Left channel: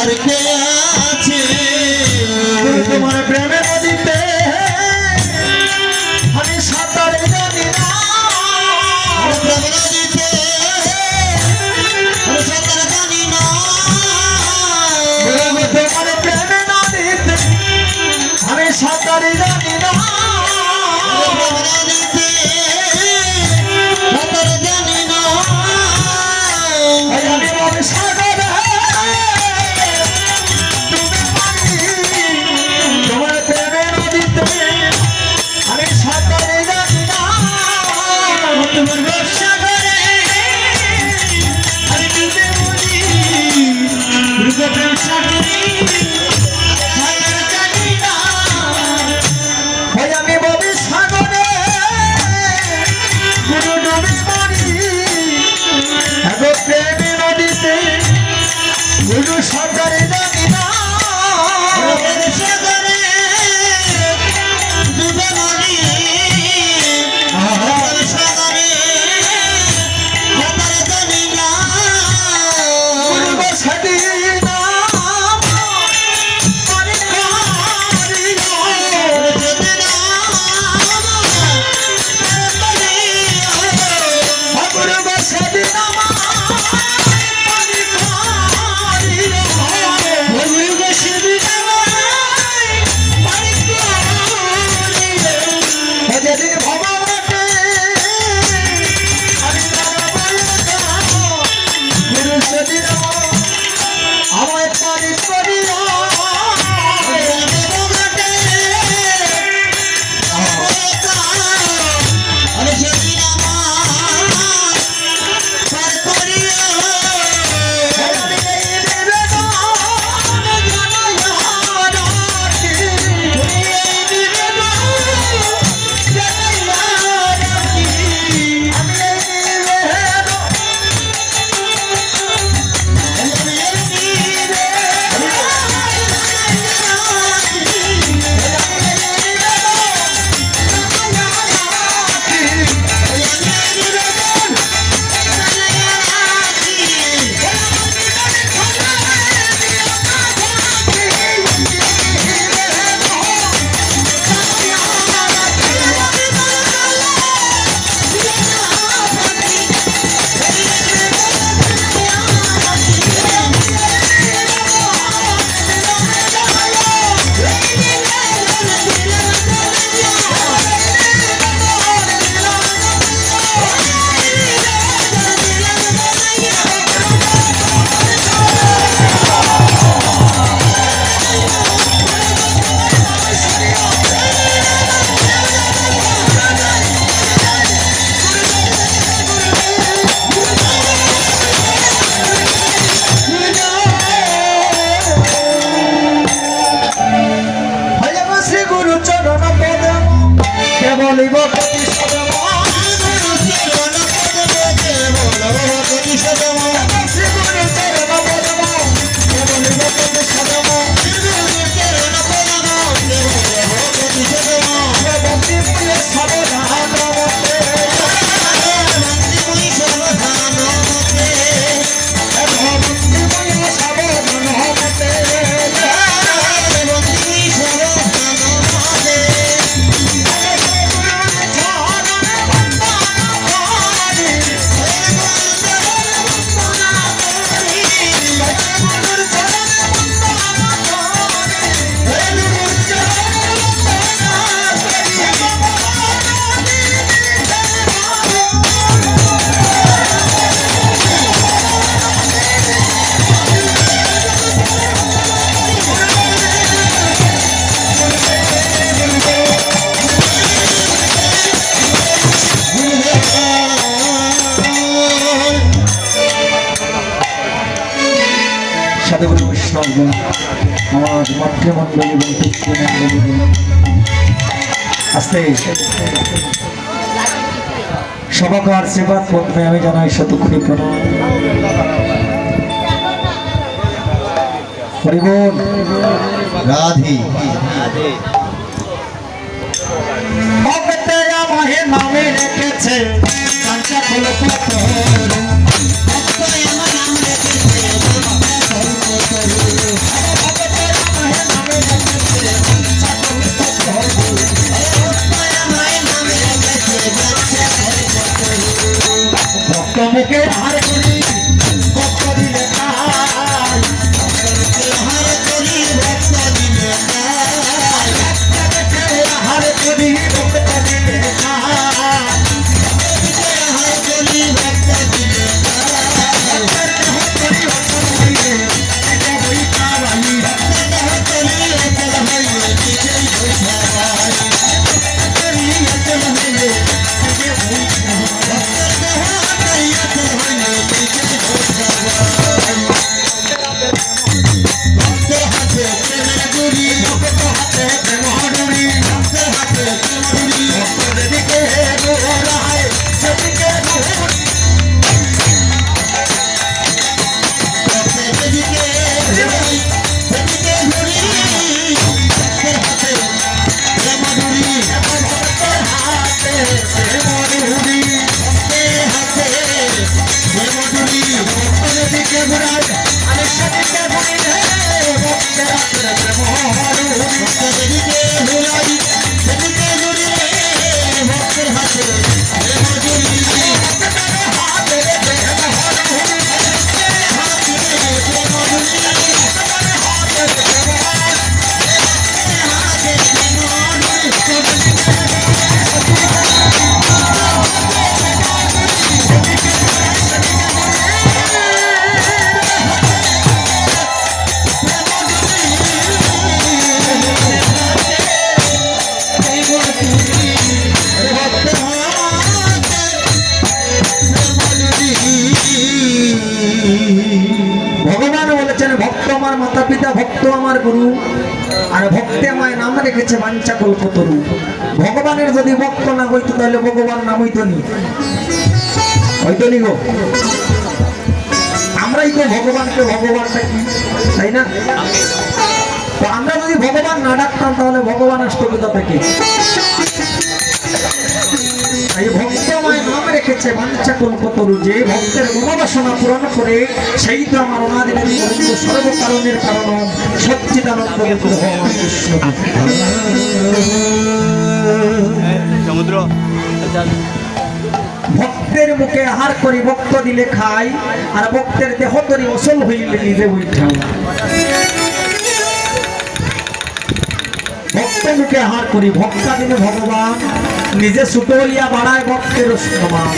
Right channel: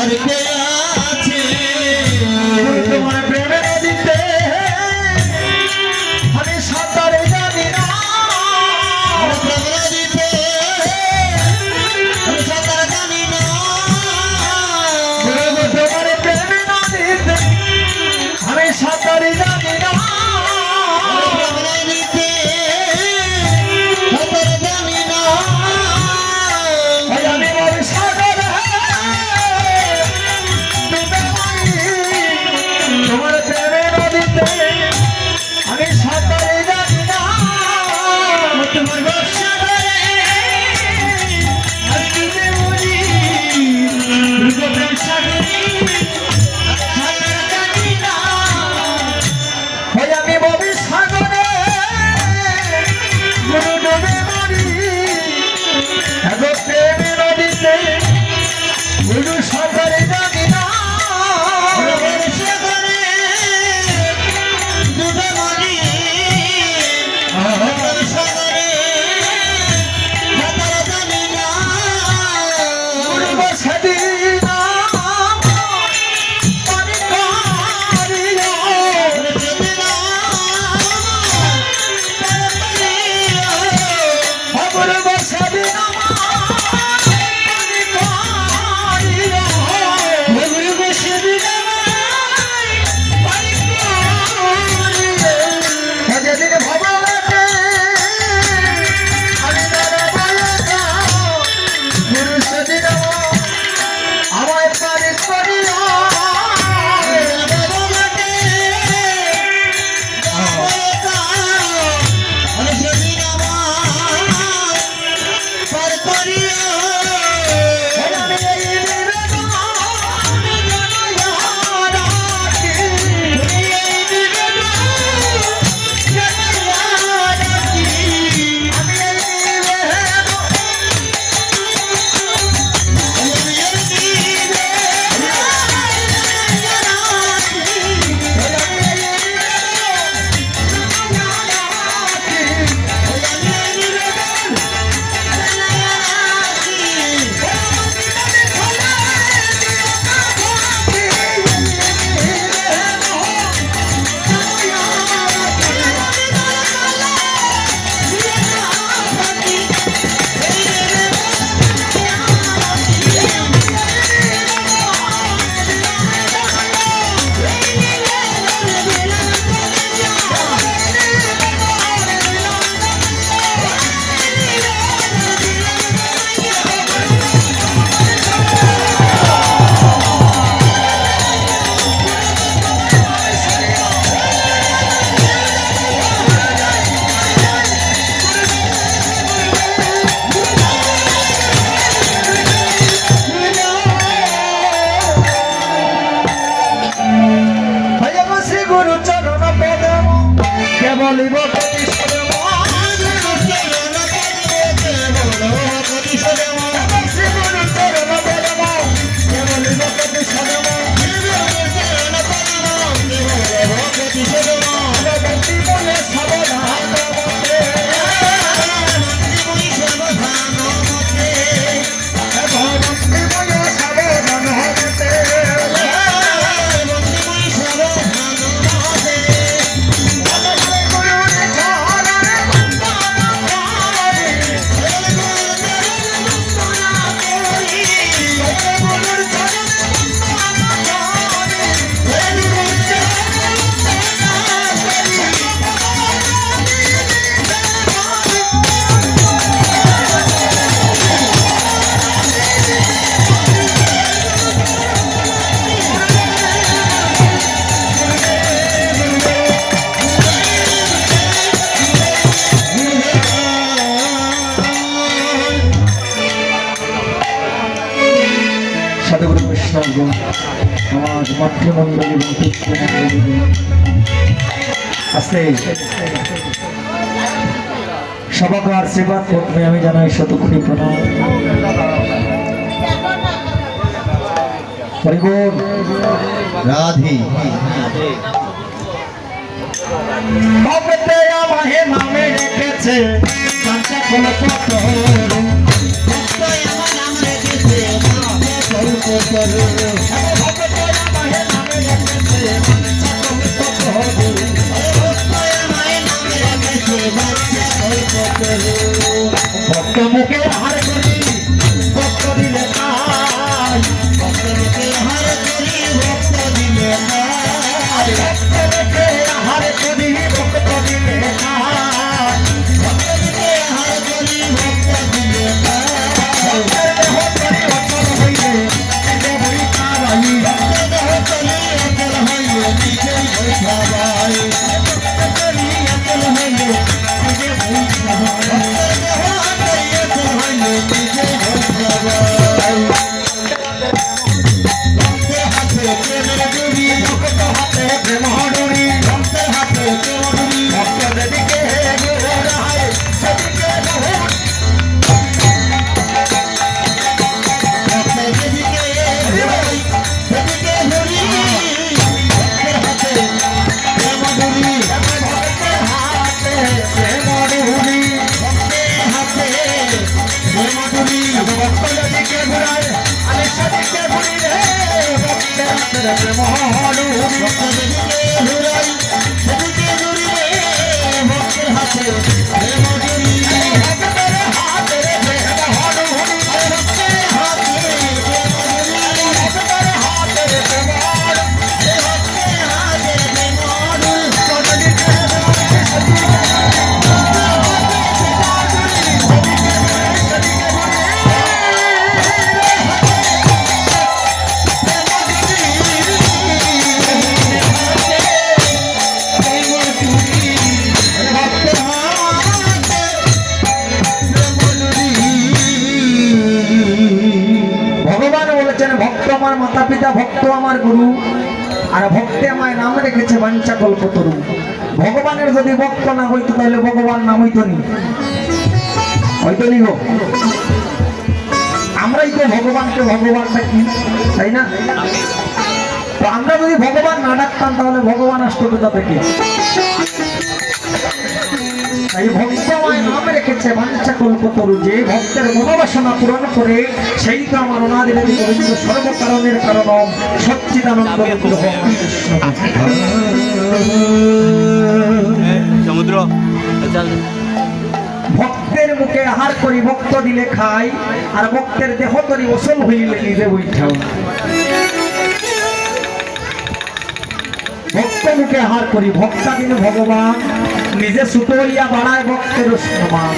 আর কে আছে তোমার প্রেমে নদীতে আমি সাঁতার জানি না আমার প্রেমে নদীতে আমি সাঁতার জানি না তোমার প্রেমে নদীতে আমি সাঁতার জানি না আমার মাতৃমণ্ডলী এবং পিতৃমণ্ডলী আজকে সবাকে আশীর্বাদ করতে আমি জানাই শতকোটি প্রণাম। হরিবোল রাধে ভক্তে আমায় নামে রেখেছে কাঁচা ফুল পাথর, ভক্ত আমার নাম রেখেছে প্রেম হরি ভক্ত দেবীকে ভুলাই দেবীকে জুড়ি রে ভক্তের হাতে প্রেম জুড়ি ভক্তের হাতে প্রেম হরি ভক্তের হাতে প্রেম জুড়ি ভক্তের হাতে প্রেম ভগবান বলেছেন ভক্ত আমার মাতা পিতা ভক্ত আমার গুরু আর ভক্তে আমায় নাম রেখেছে বাঞ্ছা কল্পতরু। ভগবানের যদি ভক্ত না হইতো তাহলে ভগবান নাম হইতো নি, হয়তো নি গো। আমরাই তো ভগবানকে ভগবান ডাকি, তাই না? তো আমরা যদি ভগবান না ডাকতাম তাহলে ভগবান আসতো কোথা থেকে? এই ভক্তময় নাম রেখেছে বাঞ্ছা কল্পতরু। যে ভক্তের মনোবাসনা পূরণ করে সেই তো আমার ওনাদের গোবিন্দ সর্বকারণের কারণ সচ্চিদানন্দ বিগ্রহ কৃষ্ণ। সমুদ্র ভক্তের মুখে আহার করি ভক্ত দিলে খাই আর ভক্তের দেহ করি ওসল হইলে নিজে বৈঠাও। ভক্ত মুখে আহার করি ভক্তা দিলে ভগবান নিজে সুতলিয়া বাড়ায় ভক্তের সমান।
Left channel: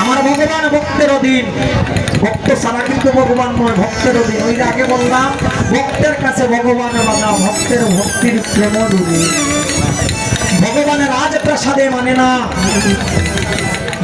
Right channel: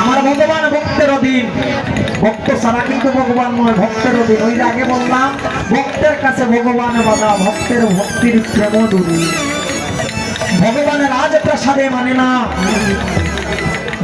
আমার ভগবান ভক্তের অধীন, ভক্ত ছাড়া কিন্তু ভগবান নয়, ভক্তের অধীন। ওই যে আগে বললাম ভক্তের কাছে ভগবান বলা, ভক্তের ভক্তির প্রেম দূরে। ভগবানের রাজপ্রাসাদে মানে না,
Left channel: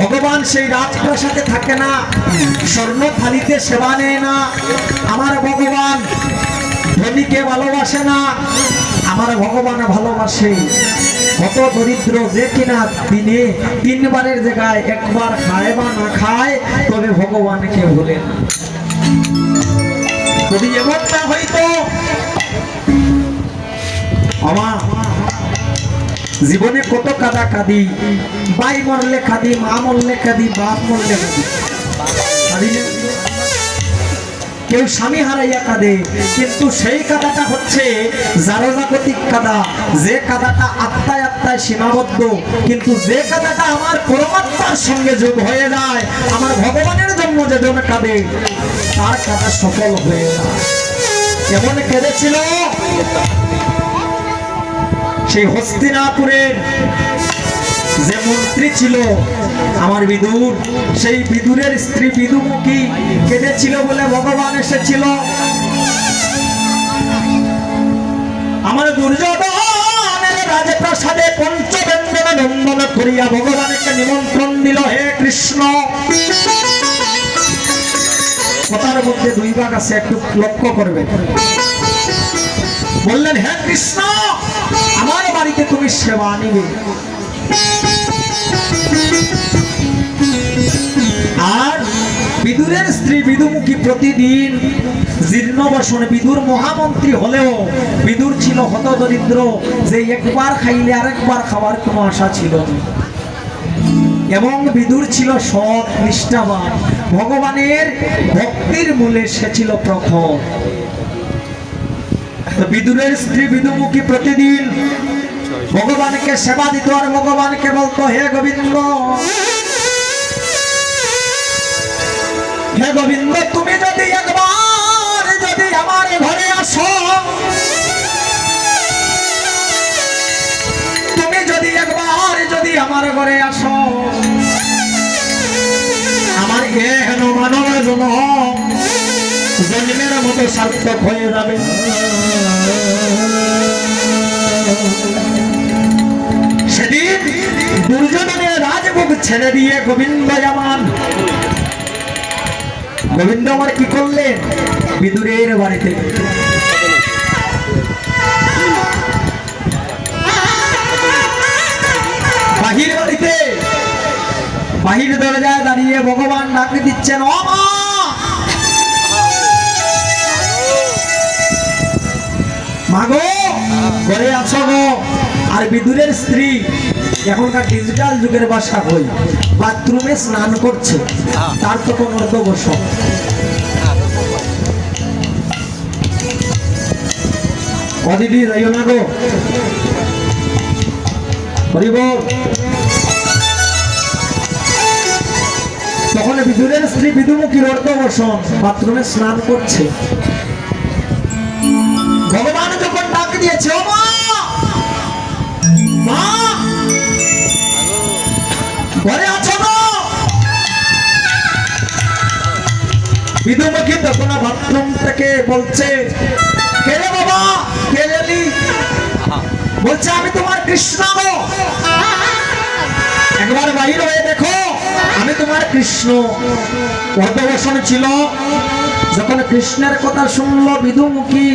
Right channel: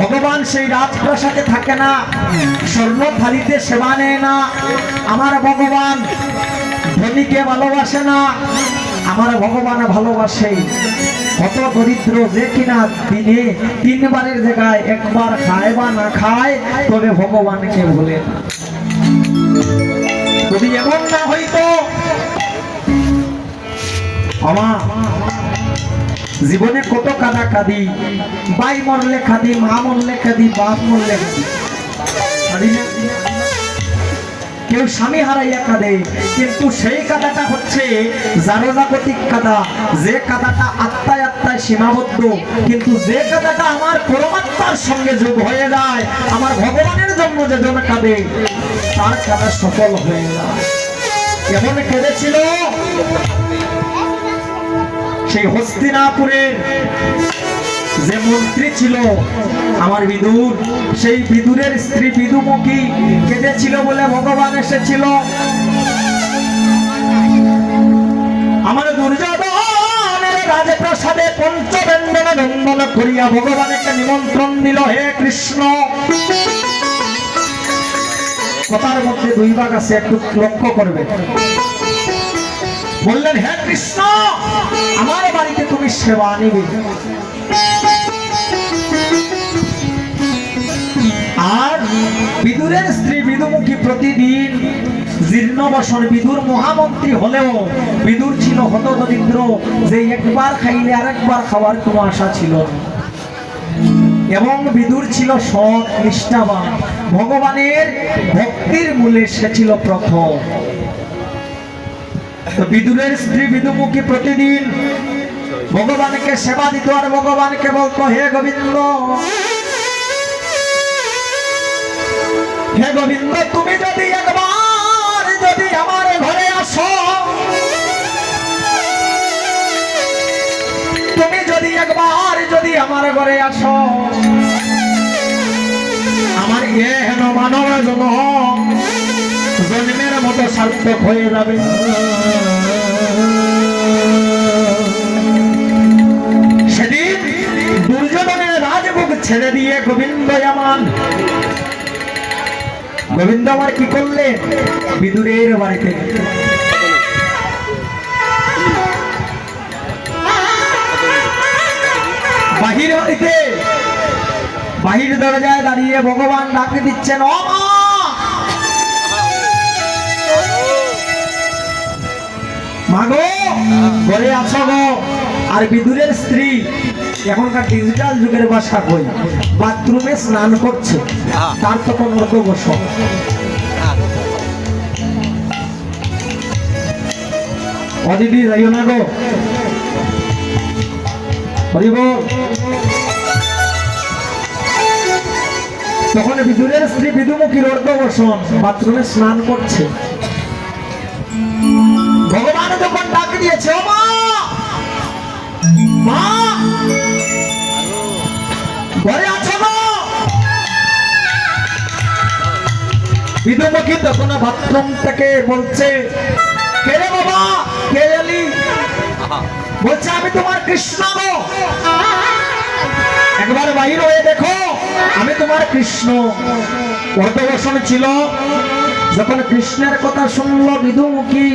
ভগবান সেই রাজপ্রাসাদে থাকে না, স্বর্ণ থালিতে সেবা নেয় না। আমার ভগবান ধনীকে ভালোবাসে না, আমার ভগবান ভালোবাসে কত দরিদ্র যে কিনা দিনে তিনবারের জায়গায় একবার খায় বা না খায় তবে ভগবানকে বলে। যদি এমন না হইতো আমার জীবনে কত কাদা কাঁদি, ভাই মরলে কাঁদি, মা মরলে কাঁদি, বাপ মরলে কাঁদি, কাঁদি না? কেউ স্বামী হারাইয়া কাঁদে, কিন্তু সেই কাদাটা হচ্ছে জাগতিক কাদা, যে কাদাটা আত্মায় আত্মায় সীমাবদ্ধ। কিন্তু যে কাদাটা আমার পরমাত্মার সঙ্গে যোগ হয়ে যায়, আমার ভগবানের জন্য যেজন কাঁদে তার কাদা সফল হয়ে যায়। এমন কেঁদেছিল সেই হস্তিনাপুরের যে মন্ত্রী ছিল আমার বিদুর, সেই বিদুরের স্ত্রী বিদুমুখী কেঁদেছিল বলে ভগবান এসেছিল। আমার দুর্যোধনের রাজপ্রাসাদে পঞ্চবেন্দনে নন্দন করিয়া ভগবানকে নিমন্ত্রণ দিল, হে কৃষ্ণ। কথার মধ্যে দুই ভাগ আছে, একটু লক্ষ্য করবে। বললেন, হে কৃষ্ণ আমার বাড়িতে তুমি সেবা নিবে। আর বিদুরের স্ত্রী বিদুমুখী প্রতিদিন জীর্ণবসন, বিদুর মহামন্ত্রী হলেও বিদুর ছিল হতদরিদ্র, যে একবার খাইলে আরেকবার খাওয়ার কোনো আশা ছিল না। এবং বিদুর ছিল সৎ নিষ্ঠাবান, ভগবানের ভক্তির মূলে সে ছিল প্রখর। তো বিদুরের স্ত্রী বিদুমুখী প্রতিদিন ভগবানকে সেবা দিত আর ভগবানকে বলতো, হে গোবিন্দ, হে গোবিন্দ, তুমি যদি একবার যদি আমার ঘরে আসো, তুমি যদি একবার যদি আমার ঘরে আসো, আমার এহেন মানব জন্মের মতো সার্থক হয়ে যাবে। সেদিন দুর্যোধনের রাজভোগ ছেড়ে দিয়ে গোবিন্দ আমার কি করলেন? বিদুরের বাড়িতে বাহির দরজায় দাঁড়িয়ে ভগবান ডাক দিচ্ছেন, ও মা, মাগো ঘরে আছো গো। আর বিদুরের স্ত্রী এখনকার ডিজিটাল যুগের ভাষা কই বাথরুমে স্নান করছে, তার তো কোনো অর্ধ বসো। ও দিদি যাইও না গো, হরি বল। তখন বিদুরের স্ত্রী বিদুমুখীর অর্ধবসন বাথরুমে স্নান করছে। ভগবান যখন ডাক দিয়েছে, ও মা, মা, ঘরে আছো গো? বিদুমুখী তখন বাথরুম থেকে বলছে, কে রে বাবা, কে এলি? বলছে, আমি তোমার কৃষ্ণ গো, একবার বাহির হয়ে দেখো, আমি তোমার কৃষ্ণ। অর্ধবসন ছিল। যখন কৃষ্ণের কথা শুনলো বিদুমুখী,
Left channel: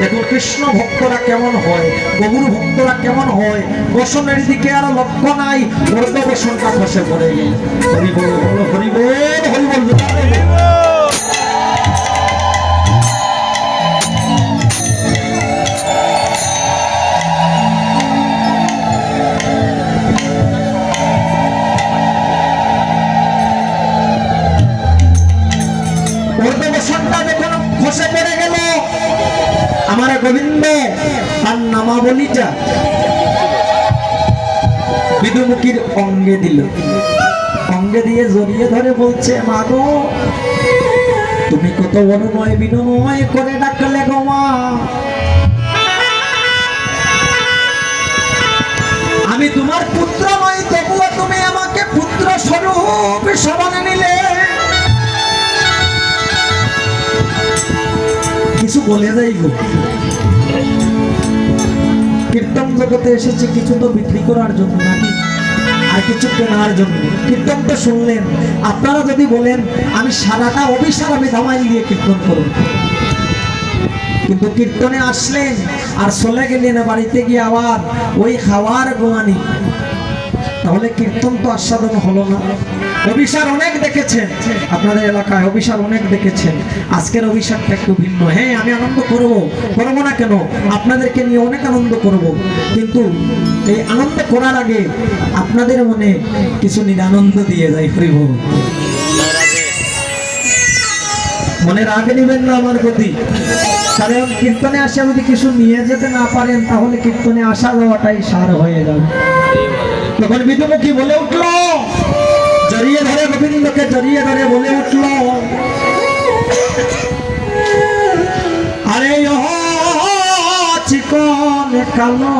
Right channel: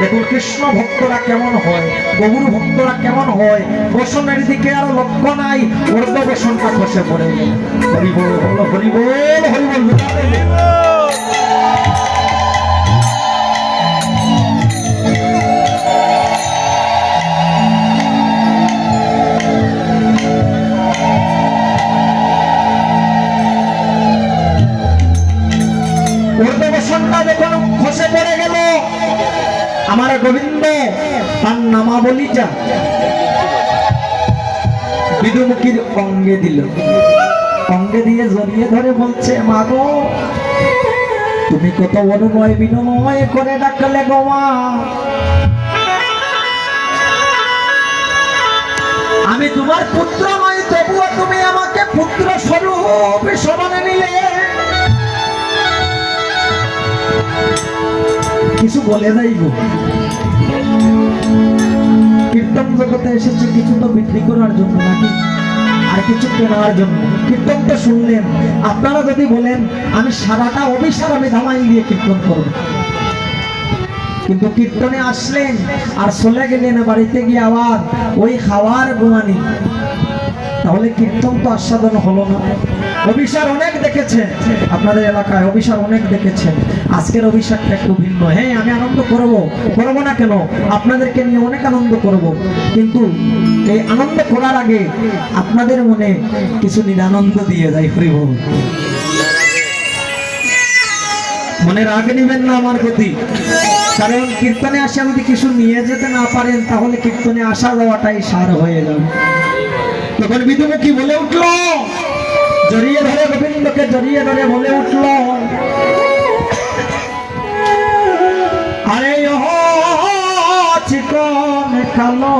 দেখুন কৃষ্ণ ভক্তরা কেমন হয়, গৌর ভক্তরা কেমন হয়, বসনের দিকে আর লক্ষ্য নাই, অর্ধবসনটা বসে পড়ে গেল। হরি বল, হরি বল, হরি বল। অর্ধবসনটা যখন খসে পড়ে গেল, আমার গোবিন্দ তার নামাবলী যা বিদুমুখীর অঙ্গে দিল। অঙ্গে দিয়ে জড়িয়ে ধরে বলছে, মা গো, তুমি কত অনুময় বিনময় করে ডাকলে গো মা। আমি তোমার পুত্র নই, তবুও তুমি আমাকে পুত্র স্বরূপ সমানে নিলে। কিছু বলে যাই গো, কীর্তন জগতে এসেছে কিছু তো বিক্রি করার জন্য নাকি, আর কিছু কেনার জন্য। কীর্তন তো শুনলেন, আপনারা যদি বলেন আমি সারাটা অভিশাপ আমি ধামাই দিয়ে কীর্তন করব, কিন্তু কীর্তনে আসলেন আর চলে গেলেন বাড়িতে গিয়ে আবার ওই খাওয়ার গোয়ানি, তাহলে কীর্তন তো আস্বাদন হলো না। অভিশাপ অনেক দেখেছেন আপনাদের এলাকায়, অভিশাপ অনেক দেখেছেন। আজকের অভিশাপটা একটু ভিন্ন। হ্যাঁ, আমি আনন্দ করবো না কেন, আপনাদেরকে নিয়ে অনেক আনন্দ করব, কিন্তু এই আনন্দ করার আগে আপনাদের মনে কিছু নিরানন্দ দিয়ে যায়। হরি বল। মনে রাগ নেবেন না আমার প্রতি, কারণ কীর্তনে আসা যদি কিছু নিয়ে যেতে না পারেন তাহলে কীর্তনে আসা যাওয়াটাই সার হয়ে যাবে। তখন বিদুমুখী বলে উঠলো, জড়িয়ে ধরে গোবিন্দকে জড়িয়ে ধরে বলে উঠলো, আরে চিকন কালো